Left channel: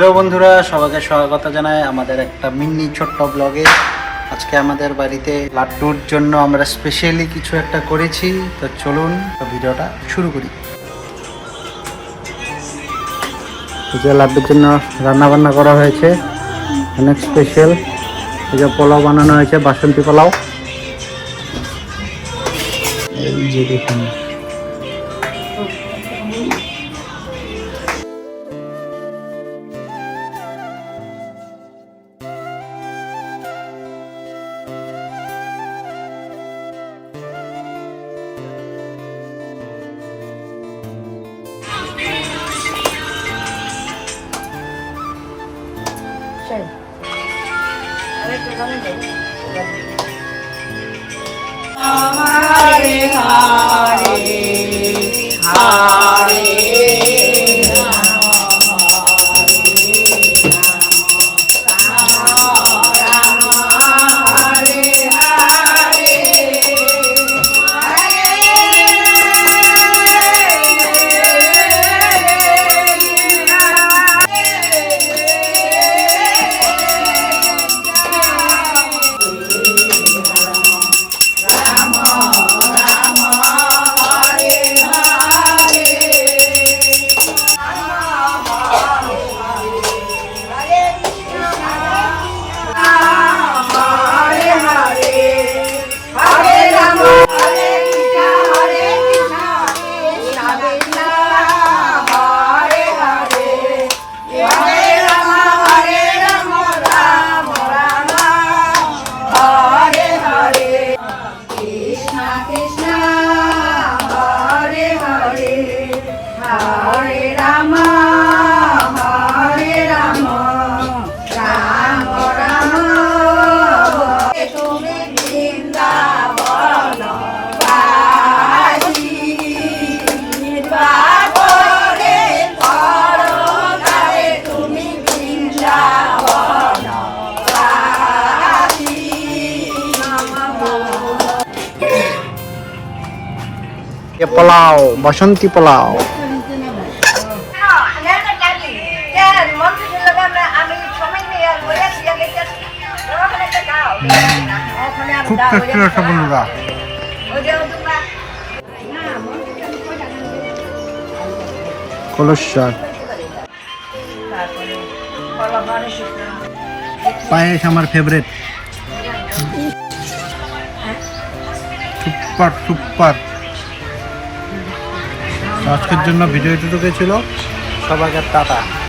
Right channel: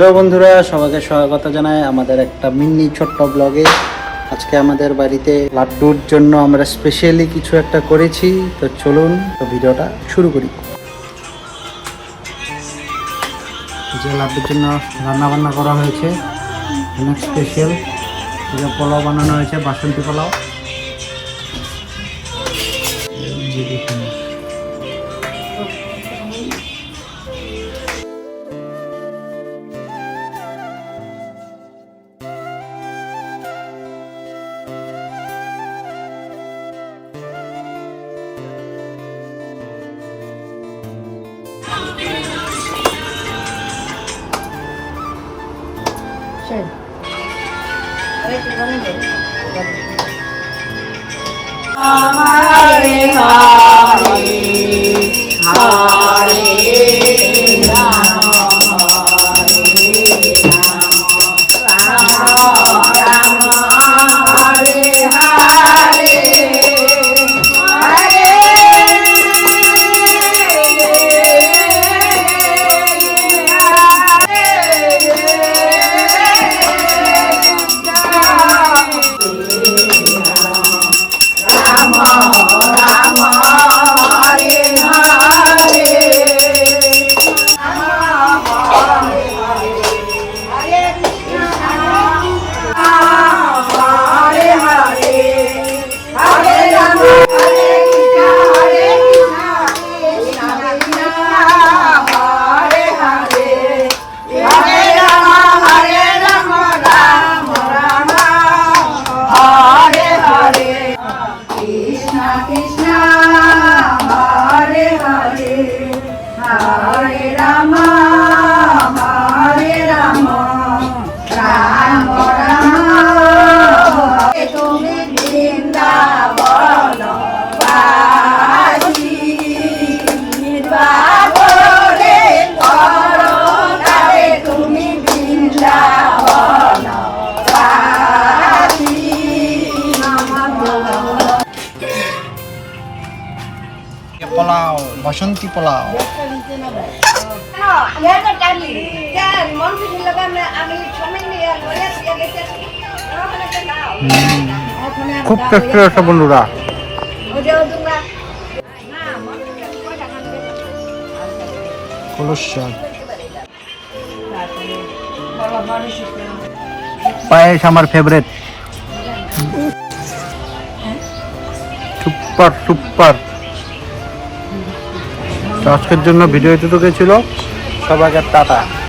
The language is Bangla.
হ্যালো বন্ধুরা, সবাইকে স্বাগত জানাই আমাদের একটা মিনি ছোট্ট ব্লগে। আজকে আমাদের বাড়িতে লাড্ডুর জন্য আমরা স্পেশালি কিছু একটা করেছি, তো চলুন তো ভিডিওটা শুরু করি। যে লাড্ডুর জন্য রান্না বান্না করা হয়েছে অনেক স্পেশাল। এই যে পোলাও বানানো হয়েছে, বাসন্তী পোলাও। এই যে দেখুন, हरे हरे हरे राम राम हरे हरे পোলাও, বাসন্তী পোলাও। খুব টেস্টি আছে বন্ধুরা। পায়েস আমার ফেভারিট। Super super. আজকের জন্য ভিডিও এতটুকুই ছিল। সবাইকে টাটা।